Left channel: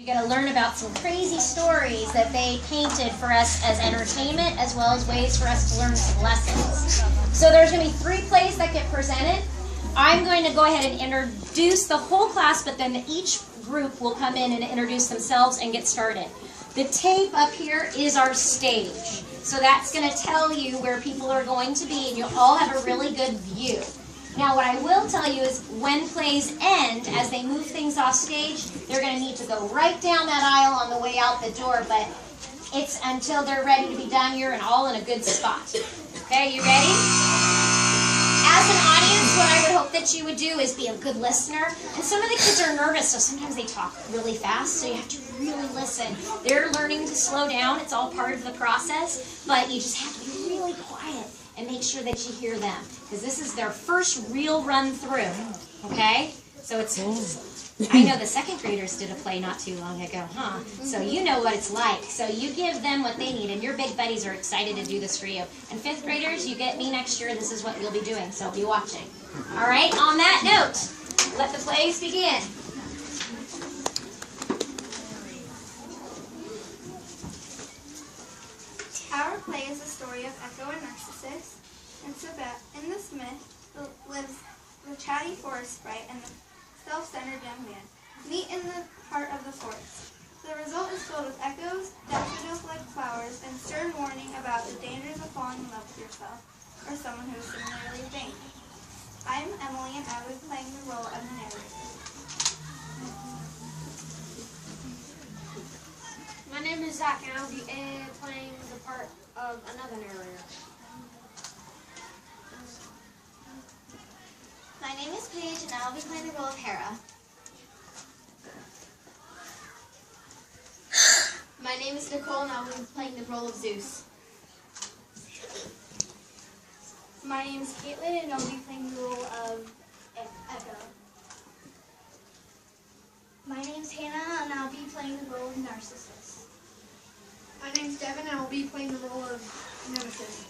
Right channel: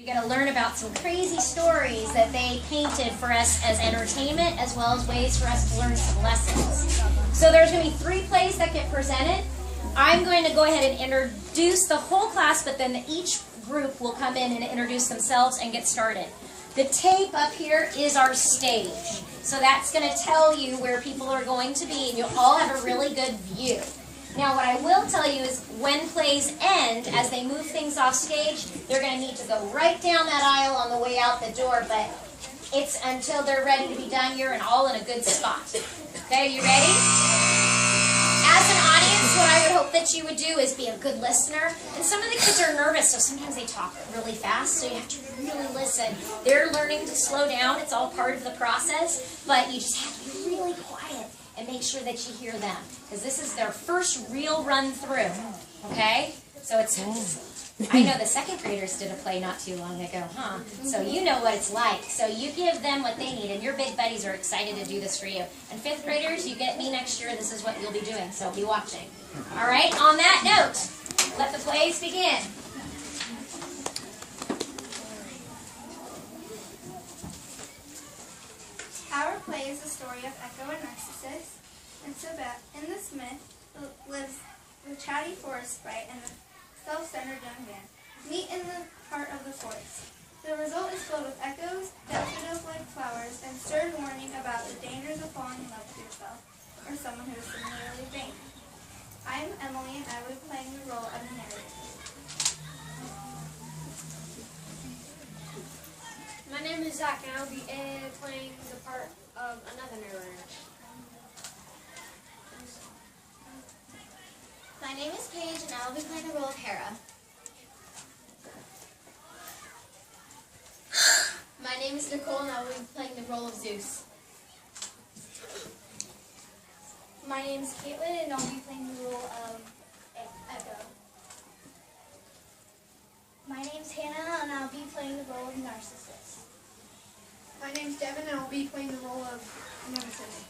You're going to learn about some crazy stories that they painted for us as entertainment, as well as ways for us to learn some lessons. So there's going to be 3 plays that get presented. I'm going to go ahead and introduce the whole class, but then each group will come in and introduce themselves and get started. The tape up here is our stage. So that's going to tell you where people are going to be, and you'll all have a really good view. Now, what I will tell you is when plays end, as they move things off stage, they're going to need to go right down that aisle on the way out the door, but it's until they're ready to be done, you're all in a good spot. Okay, you ready? As an audience, what I would hope that you would do is be a good listener. And some of the kids are nervous, so sometimes they talk really fast, so you have to really listen. They're learning to slow down. It's all part of the process, but you just have to be really quiet and make sure that you hear them, because this is their first real run through, okay? So it's, I know the 2nd graders did a play not too long ago, huh? So you know what it's like. So you give them what they need, and your big buddies are excited to do this for you. And 5th graders, you get me next year, this is what you'll be doing, so be watching. All right, on that note, let the plays begin. Our play is the story of Echo and Narcissus, and so that in this myth lives the chatty forest sprite and the self-centered young man meet in the heart of the forest. The result is filled with echoes, daffodil-like flowers, and stern warning about the dangers of falling in love with yourself or someone who is similarly vain. I'm Emily, and I will be playing the role of the narrator. My name is Zach, and I'll be playing the part of another narrator. My name is Paige, and I'll be playing the role of Hera. My name is Nicole, and I'll be playing the role of Zeus. My name is Caitlin, and I'll be playing the role of Echo. My name's Hannah, and I'll be playing the role of Narcissus. My name's Devin, and I'll be playing the role of Nemesis.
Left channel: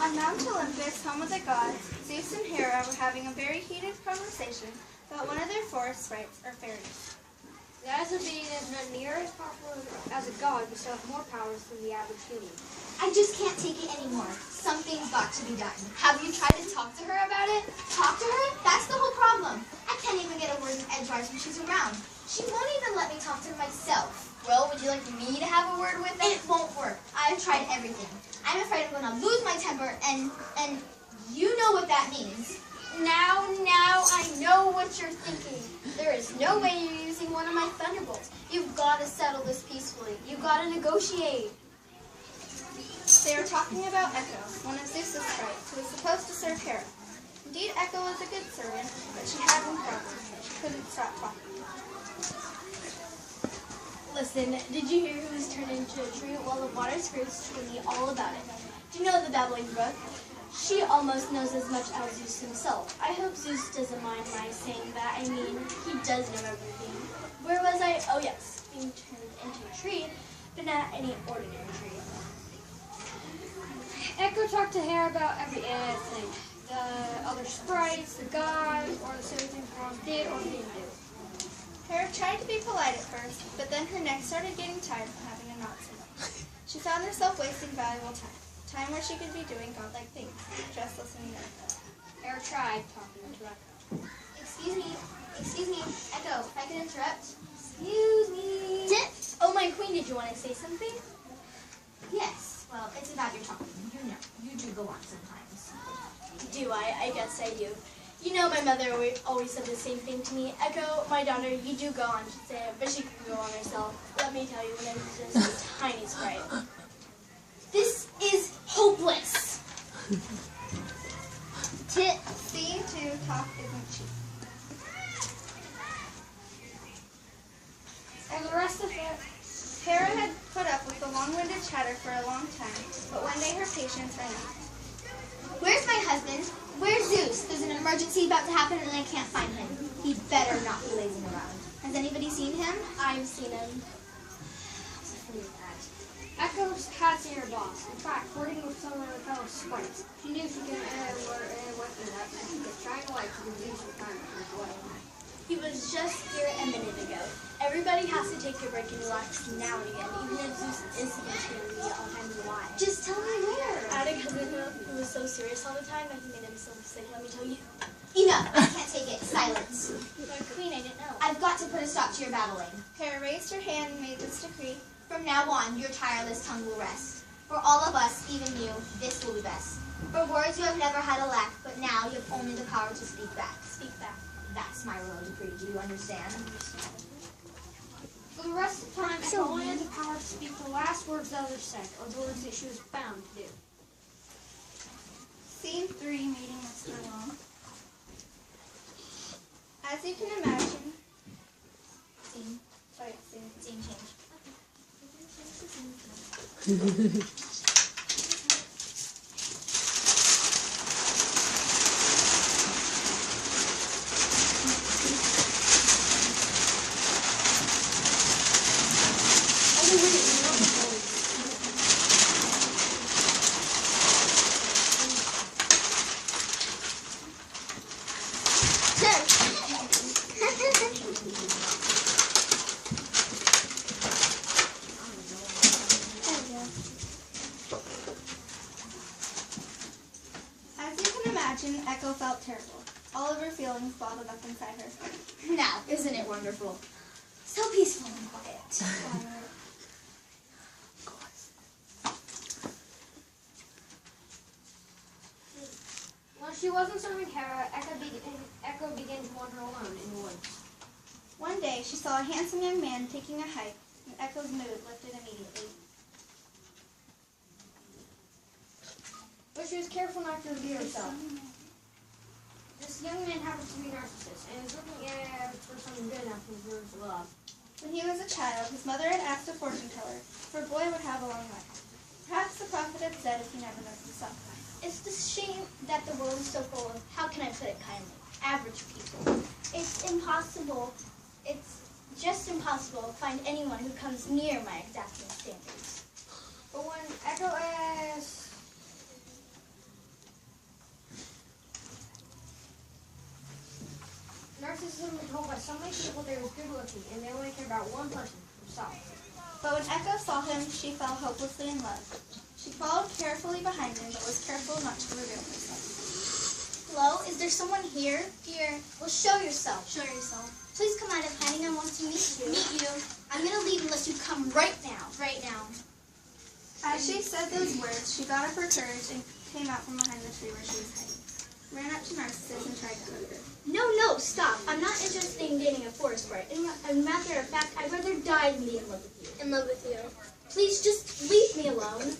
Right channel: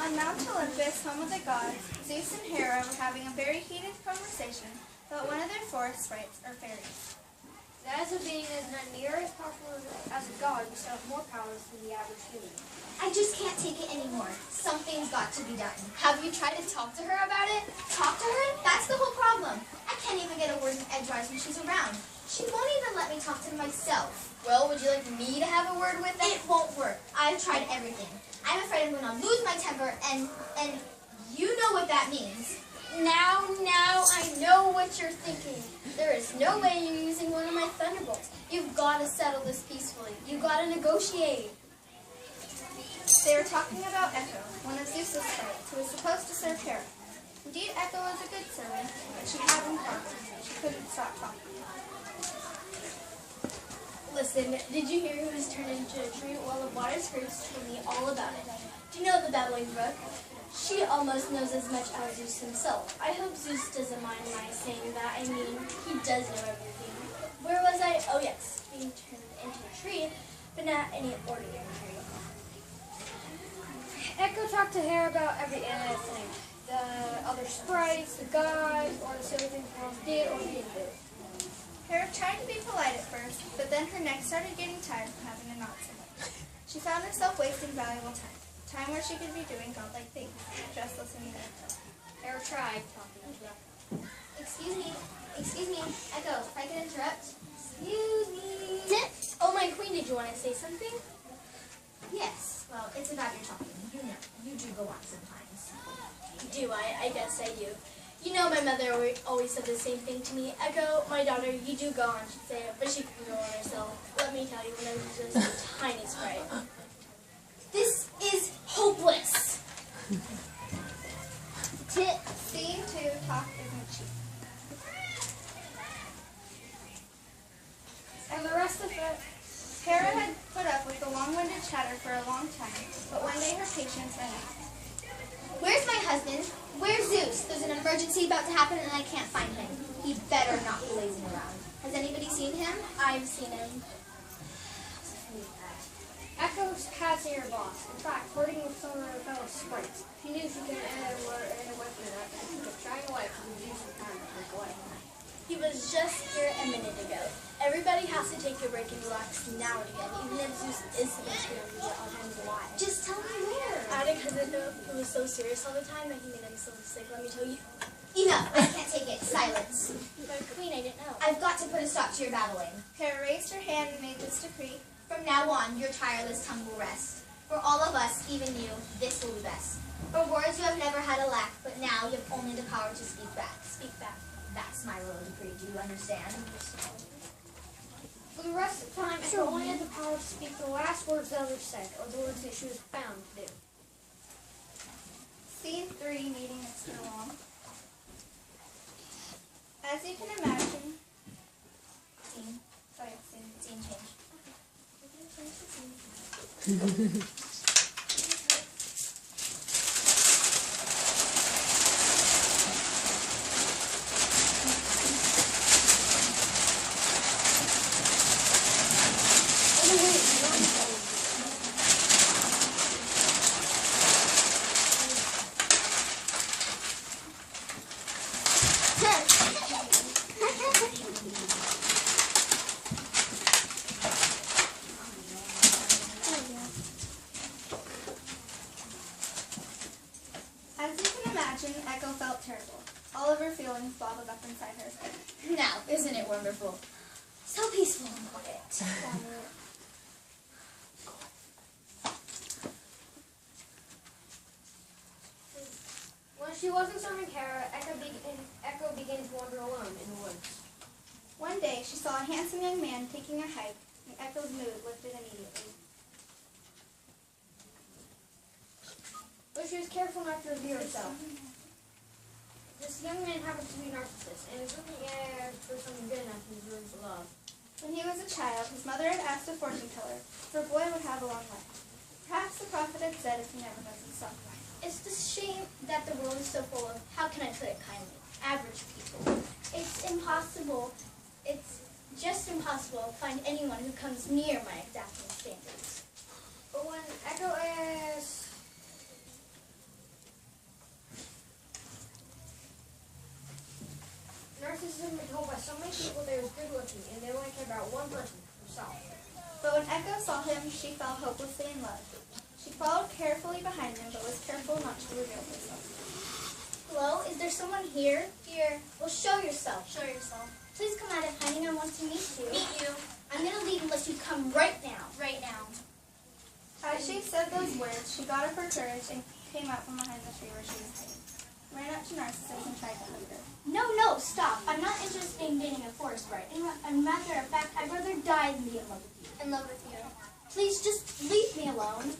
On Mount Olympus, home of the gods, Zeus and Hera were having a very heated conversation about one of their forest sprites, or fairies. As a being as near as possible as a god, we still have more powers than the average human. I just can't take it anymore. Something's got to be done. Have you tried to talk to her about it? Talk to her? That's the whole problem. I can't even get a word in edgewise when she's around. She won't even let me talk to myself. Well, would you like me to have a word with it? It won't work. I've tried everything. I'm afraid I'm going to lose my temper, and you know what that means. Now, I know what you're thinking. There is no way you're using one of my thunderbolts. You've got to settle this peacefully. You've got to negotiate. They were talking about Echo, one of Zeus's sprites, who was supposed to serve Hera. Indeed, Echo was a good servant, but she had one problem. She couldn't stop talking. Listen, did you hear who was turned into a tree? Well, the water scrapes told me all about it. Do you know the babbling brook? She almost knows as much as Zeus himself. I hope Zeus doesn't mind my saying that. I mean, he does know everything. Where was I? Oh yes, being turned into a tree, but not any ordinary tree. Echo talked to Hera about everything. The other sprites, the gods, or the silly things Mom did or didn't do. Hera tried to be polite at first, but then her neck started getting tired from having to nod so much. She found herself wasting valuable time where she could be doing godlike things, just listening to Echo. Hera tried talking to Echo. Excuse me, Echo, if I could interrupt. Excuse me. Oh, my queen, did you want to say something? Yes, well, it's about your talking. You know, you do go on sometimes. Do I? I guess I do. You know, my mother always said the same thing to me. Echo, my daughter, you do go on, she'd say it, but she can go on herself. Let me tell you, when I was just a tiny sprite. This is hopeless. Seeing to talk isn't cheap. And the rest of it, Hera had put up with the long-winded chatter for a long time, but one day her patience ran out. Where's my husband? Where's Zeus? There's an emergency about to happen and I can't find him. He better not be lazing around. Has anybody seen him? I've seen him. Echo has seen her boss. In fact, flirting with some of her fellow sprites. She knew she could were away from that, but she kept trying away to reduce Everybody has to take a break and relax now and again, even if Zeus is supposed to be all times alive. Just tell me where. Attic has been was so serious all the time that he made him so sick. Let me tell you. Enough. I can't take it. Silence. But Queen, I didn't know. I've got to put a stop to your babbling. Hera raised her hand and made this decree. From now on, your tireless tongue will rest. For all of us, even you, this will be best. For words you have never had a lack, but now you have only the power to speak back. Speak back. That's my royal decree. Do you understand? For the rest of the time, Echo only had the power to speak the last words that were said, or the words that she was bound to do. Scene 3, meeting Mr. Long. As you can imagine, Scene. sorry, scene. Scene change. As you can imagine, Echo felt terrible. All of her feelings bottled up inside her. Now, isn't it wonderful? So peaceful and quiet. When she wasn't serving Hera, Echo began to wander alone in the woods. One day, she saw a handsome young man taking a hike, and Echo's mood lifted immediately. But she was careful not to reveal herself. This young man happens to be Narcissus, and is looking for someone good enough who deserves love. When he was a child, his mother had asked a fortune teller if her boy would have a long life. Perhaps the prophet had said if he never does himself. It's the shame that the world is so full of, how can I put it kindly, average people. It's impossible, it's just impossible to find anyone who comes near my exacting standards. But when Echo asked, Narcissus had been told by so many people they were good looking, and they only cared about one person, herself. But when Echo saw him, she fell hopelessly in love. She followed carefully behind him, but was careful not to reveal herself. Hello, is there someone here? Here. Well, show yourself. Show yourself. Please come out of hiding. I want to meet you. Meet you. I'm gonna leave unless you come right now. Right now. As she said those words, she got up her courage and came out from behind the tree where she was hiding. Ran up to Narcissus and tried to hug her. No, stop. I'm not interested in getting a forest sprite. As a matter of fact, I'd rather die than be in love with you. In love with you. Please just leave me alone.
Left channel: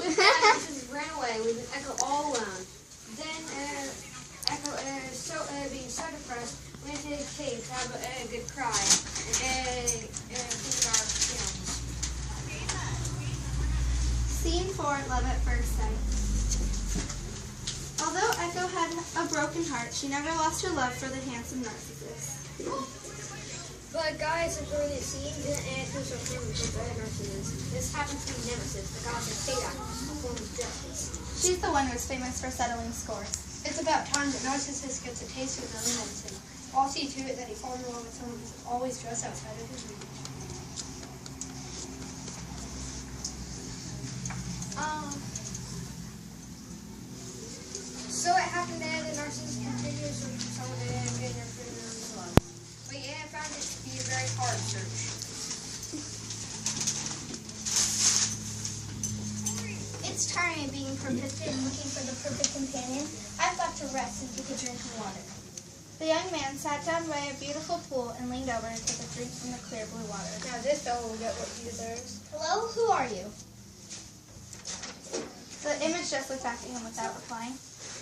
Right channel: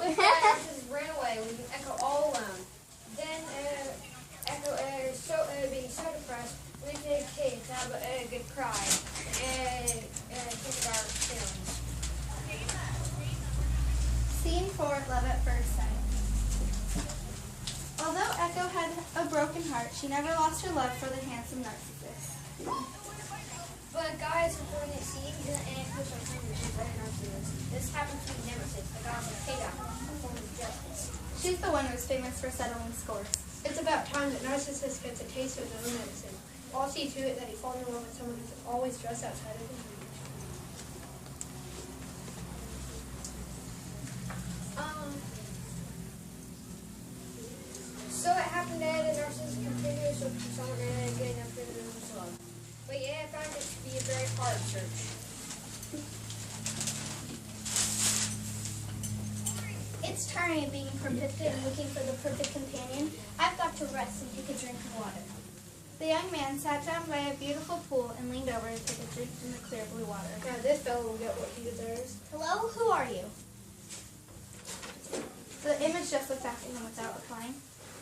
Narcissus ran away, leaving Echo all alone. Then Echo, being so depressed, went into a cave to have a good cry and think about her feelings. Scene 4, love at first sight. Although Echo had a broken heart, she never lost her love for the handsome Narcissus. But guys, during the scene, didn't Echo so famous as Narcissus? This happens to be Nemesis, the god of chaos, a form of justice. She's the one who's famous for settling scores. It's about time that Narcissus gets a taste of his own medicine. I'll see to it that he falls in love with someone who's always dressed outside of his reach. So it happened that Narcissus continued to search for someone and getting her feeling his love. But yeah, it found it to be a very hard search. It's tiring being persistent and looking for the perfect companion. I've got to rest and take a drink of water. The young man sat down by a beautiful pool and leaned over to take a drink from the clear blue water. Now this fellow will get what he deserves. Hello, who are you? The image just looked back at him without replying.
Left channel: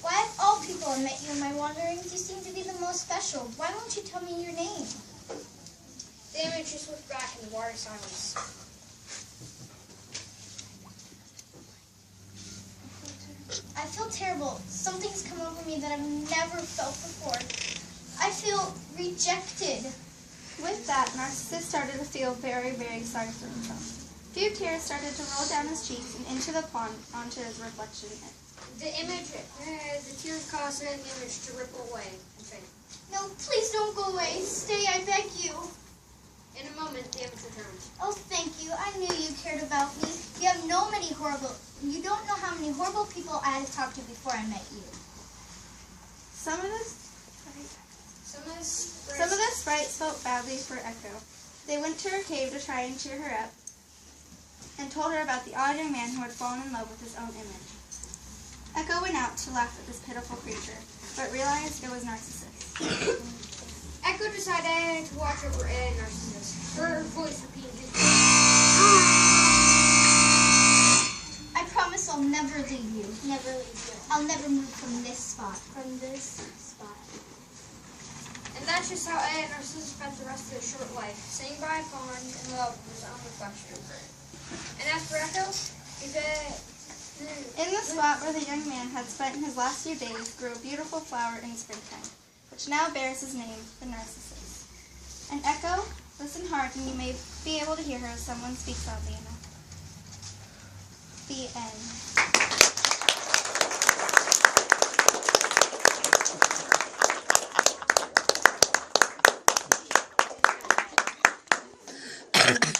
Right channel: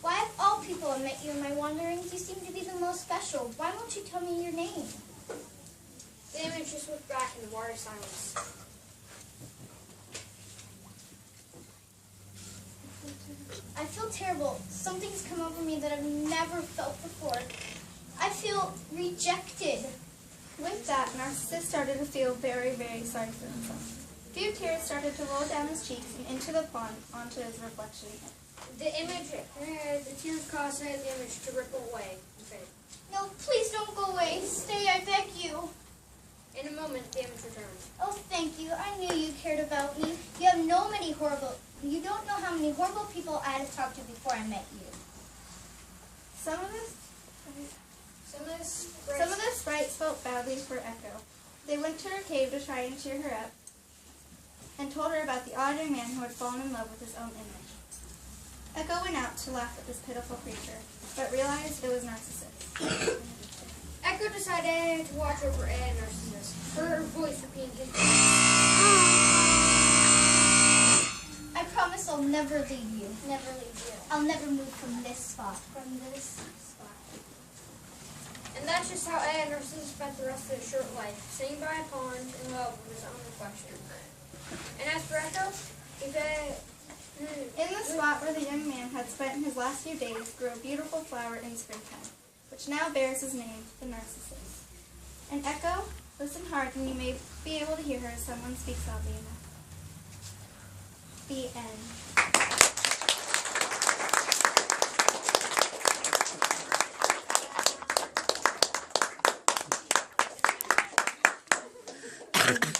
Why of all people I met you in my wanderings, you seem to be the most special. Why won't you tell me your name? The image just looked back in the water silence. I feel terrible. Something's come over me that I've never felt before. I feel rejected. With that, Narcissus started to feel very, very sorry for himself. A few tears started to roll down his cheeks and into the pond onto his reflection. The tears caused the image to ripple away and fade. No, please don't go away. Stay, I beg you. In a moment, the image returned. Oh, thank you. I knew you cared about me. You don't know how many horrible people I had to talk to before I met you. Some of the sprites felt badly for Echo. They went to her cave to try and cheer her up and told her about the odd young man who had fallen in love with his own image. Echo went out to laugh at this pitiful creature, but realized it was Narcissus. Echo decided to watch over Narcissus. Her voice repeated. I promise I'll never leave you. Never leave you. I'll never move from this spot. From this spot. And that's just how Narcissus spent the rest of his short life, sitting by a pond in love with his own reflection. And as for Echo, In the spot where the young man had spent his last few days grew a beautiful flower in springtime, which now bears his name, the Narcissus. And Echo, listen hard and you may be able to hear her as someone speaks loudly enough. The end.